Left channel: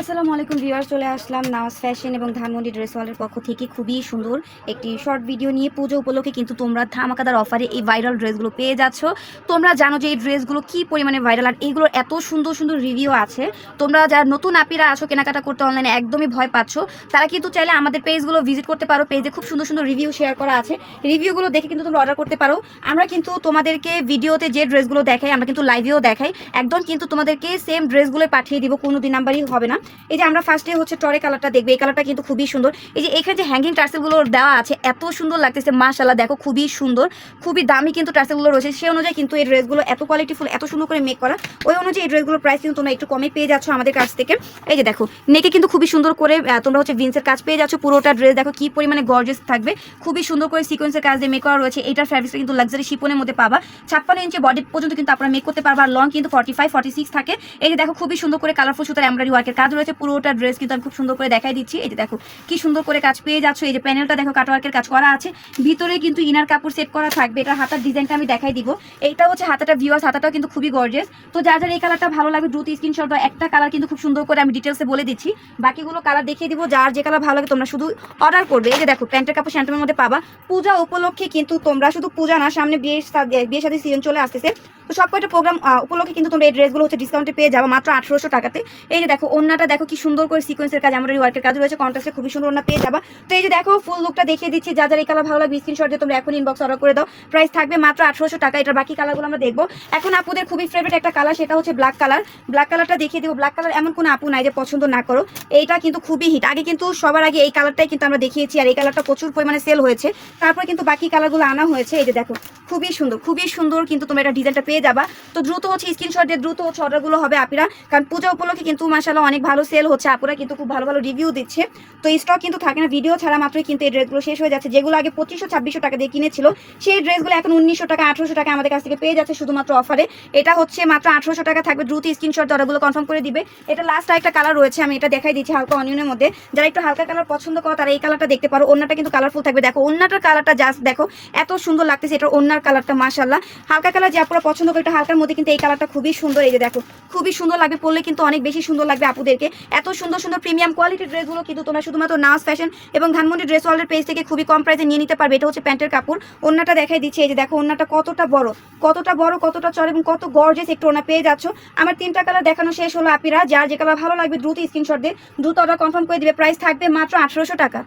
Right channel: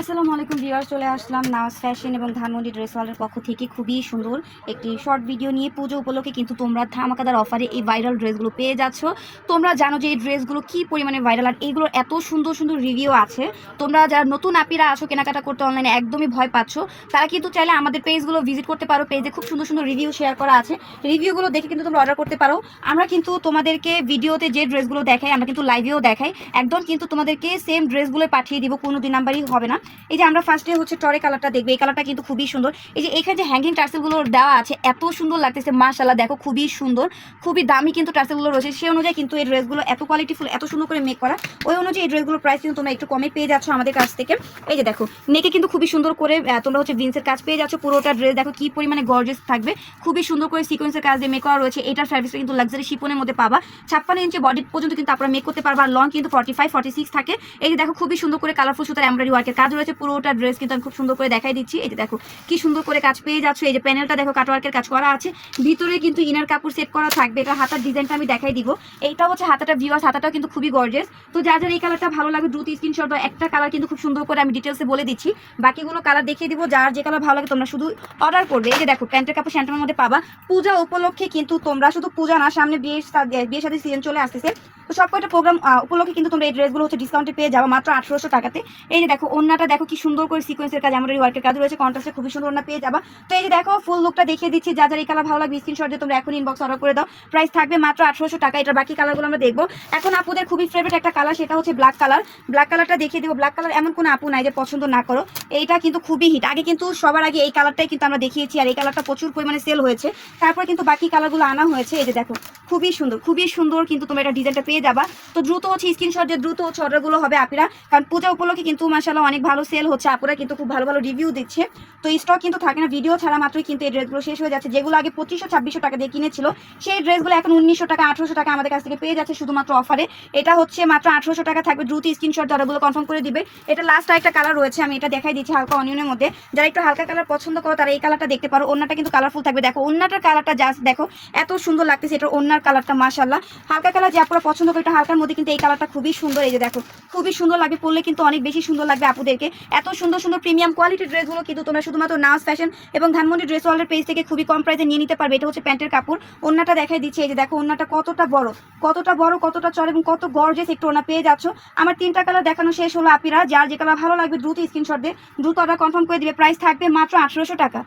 আসসালামু আলাইকুম ভিউয়ার চলে আসলাম নাওয়াজ ফ্যাশন এবং ধানমন্ডি ড্রেস ওয়ালের পক্ষ থেকে খুবই সুন্দর একটি শর্ট ভিডিও নিয়ে পুজো উপলক্ষে কিন্তু তোমরা ধামাকাদার অফারে এই ভাইরাল ড্রেসগুলো পেয়ে যাচ্ছ। তোমরা জানো যে এই ড্রেসগুলো কি পরিমাণে ভাইরাল আর এইগুলোর এত সুন্দর সুন্দর রিভিউ আছে। তোমরা যারা নতুন আপিরা আসো কেনাকাটা করতে অনলাইনে একদমই ভয় পাচ্ছ। তারা কিন্তু চাইলে আমাদের পেজগুলো ভিজিট করতে পারো পেজে খুব সুন্দর সুন্দর রিভিউ শেয়ার করা আছে। রিভিউগুলো দেখে কিন্তু তোমরা অর্ডার করতে পারো। আমরা কিন্তু তোমাদেরকে ভিডিওতে যে ড্রেসগুলো দেখাই, আমরা কিন্তু লাইভেও দেখাই। একদম কিন্তু তোমাদেরকে সেম ড্রেসগুলো পাঠিয়ে দিব, কোনো দুই নাম্বারই হবে না। এই যে আমরা ফার্স্টে হচ্ছে টরে কালারটা দেখবে, এই কালারটা কিন্তু খুবই সুন্দর। এই যে এখানে যে হ্যাঙ্গিং টার্সেলগুলো দেওয়া আছে, এত সুন্দর লাগতেছে মাশাল্লাহ দেখো খুবই সুন্দর। খুবই দামি কিন্তু টার্সেলগুলো রয়েছে। সেই অনুযায়ী কিন্তু এই ড্রেসগুলো এত কোয়ালিটিফুল এত সুন্দর করে মেক করা। ওই অনুযায়ী এই ড্রেসগুলোর প্রাইস কিন্তু তোমরা একটু কমে পেয়ে যাচ্ছ আমাদের কাছ থেকে। এই যে দেখো নেকে কিন্তু খুবই সুন্দর করে তোমরা হচ্ছে ভিন্সের কাজ পেয়ে যাচ্ছ। পুরোটা ড্রেস দেখো কি পরিমাণে গর্জেস থাকবে। খুবই সুন্দর করে সিকোয়েন্সের কাজ দিয়ে মেক করা রয়েছে। এটার ফ্যাব্রিক্সটা কিন্তু লাক্সারি শিপনের মধ্যে পাবা। ছাপ্পান্ন ইঞ্চি বডি পর্যন্ত কিন্তু আপনারা মেক করতে পারবা। আর লং কিন্তু ফর্টি ফাইভ ফর্টি সিক্স থাকে। এই যে দেখো, খুবই সুন্দর করে কালারফুল সুতার এমব্রয়ডারি ওয়ার্কের কাজ রয়েছে পুরোটা ড্রেস কিন্তু আমি খুব সুন্দর করে দেখাই দিচ্ছি। এই যে দেখো, কি সুন্দর করে কাজ পেয়ে যাচ্ছে। এই যে প্যানেলটা দেখো কাটওয়ার্কের কাজ করা আছে। ভিতরে কিন্তু ইনার কাপড় সেট করা থাকবে। এটা হাতার ডিজাইনটা আমি দেখাই দিব। এইটা হচ্ছে হাতাটা ভিউয়ার্স হাতাটাও কিন্তু খুবই গর্জেস তো যার যার এই কালারটা ভালো লাগবে, দ্রুত স্ক্রিনশট বা একটা কালার কিন্তু খুব সুন্দর করে আমি ডিটেলসে বলে দিচ্ছি। বাকিগুলো কালার দেখিয়ে দিব। যার যে কালার ভালো লাগে তোমরা শুধু অর্ডার করবে। এই যে দেখো, প্যান্টের কাপড় স্যান্টামের মধ্যে পাবা। পূজা উপলক্ষে কিন্তু তোমরা শুধু পূজা না, সামনে বিয়ের বিয়ের সাথে সিজন চলে আসতেছে। তো সব কয়টা প্রোগ্রাম উপলক্ষে কিন্তু তোমরা এই ড্রেসগুলো হচ্ছে ডিসকাউন্টে পেয়ে যাব মাত্র আঠারোশো টাকাতে। এই যে দেখো ওন্নাটা দেখো কি সুন্দর করে সিকোয়েন্সের কাজ আমাদের ওয়ার্কের কাজ রয়েছে কন্ট্রাস্টে খুবই সুন্দর ওন্না পেয়ে যাবা। তো এই যে দেখো ফুল লুকটা দেখিয়ে দিচ্ছি, যা যার এই কালার ভালো লাগবে স্ক্রিনশট দিয়ে তোমরা এখন ইনবক্স অর্ডার করে দাও। প্রাইস থাকবে মাত্র আঠারোশো টাকা এটা বাকি কালারগুলো আমরা দেখব। এখন আপুদের খুবই ফেভারিট একটা কালার সেটা হচ্ছে ব্ল্যাক কালার ব্ল্যাক কালারটা দেখিয়ে দিব। ব্ল্যাক কালার এমন কোনো আপু নাই যে পছন্দ না করো। এইটা কিন্তু খুবই হিট আগে কিন্তু সবার আগে এই কালারটাই কিন্তু আমরা দেখিয়েছি, আর এই কালারটা প্রচুর পরিমাণে সেল হয়েছে। তারপর কিন্তু বাকি কালারগুলো আনা হয়েছে। এই যে দেখো খুবই সুন্দর খুবই সুন্দর কিন্তু তোমরা এটা ডিজাইনটা পেয়ে যাবা। তো দ্রুত হচ্ছে স্ক্রিনশট দিয়ে দ্রুত হচ্ছে অর্ডারগুলো হবে আপিরা। কারণ পূজা উপলক্ষে কিন্তু মাসাল্লাহ অনেক ভালো সেল হচ্ছে। আপুরা কিন্তু খুব ভালো ভালো রিভিউ দিচ্ছে। তো স্টক কিন্তু থাকে না ভিডিও ছাড়া মাত্রই কিন্তু এই ড্রেসগুলো শেষ হয়ে যাচ্ছে। যেগুলো আগে পঁচিশশো, ছাব্বিশশো টাকা দিয়ে কিনেছিল, সেই ড্রেসগুলো এখন উনিশশো টাকা, আঠারোশো টাকা আমাদের কাছ থেকে পেয়ে যাচ্ছে শুধুমাত্র অফারে এটা হচ্ছে মাত্র আঠারোশো টাকা থাকবে। দ্রুত স্ক্রিনশট অর্ডারগুলো কনফার্ম করে দিবে। এটা লাস্ট একটা কালার রয়েছে, আমি এটা দেখাই দিচ্ছি হালকা অনিয়নের মধ্যে। যারা একটু হালকা কালার পছন্দ করো, তারা এই কালারটা দেখতে পারো। অন্যটা কিন্তু কালারফুল থাকবে। দেখো অন্যটার কালারটা জাস্ট দেখো, এত সুন্দর লাগতেছে এটা অন্যার কালারটা মাশাল্লাহ হালকা কালার যে আপনারা পছন্দ করে হালকার মধ্যে কিন্তু এই কালারটা খুবই সুন্দর। এই যে দেখো, খুবই সুন্দর লাগবে, পরলে কিন্তু অনেক বেশি সুন্দর লাগবে আপুদেরকে। এত সুন্দর সুন্দর প্রিমিয়াম কোয়ালিটির ড্রেসগুলো কিন্তু তোমরা শুধুমাত্র নাস ফ্যাশন এবং ধানমন্ডি ড্রেস ওয়ার্ল্ডের পেজ থেকে খুবই কম প্রাইসে নিয়ে নিতে পারবে। এটা হচ্ছে প্যান্টের কাপড়। অন্যটা দেখাই দিচ্ছে, এই যে দেখো অন্যটা কতটা বড় কতটা বড়, কতটা চড় এবং কত গর্জেস একটু ওনা পেয়ে যাচ্ছ। আমার তিনটা কালার দেখানো শেষ হলো, আপিরা। যার যে কালার ভালো লাগবে, দ্রুত স্ক্রিনশট দিয়ে, দ্রুত অর্ডার কনফার্ম করে দিবে। প্রাইস থাকবে মাত্র আঠারোশো টাকা।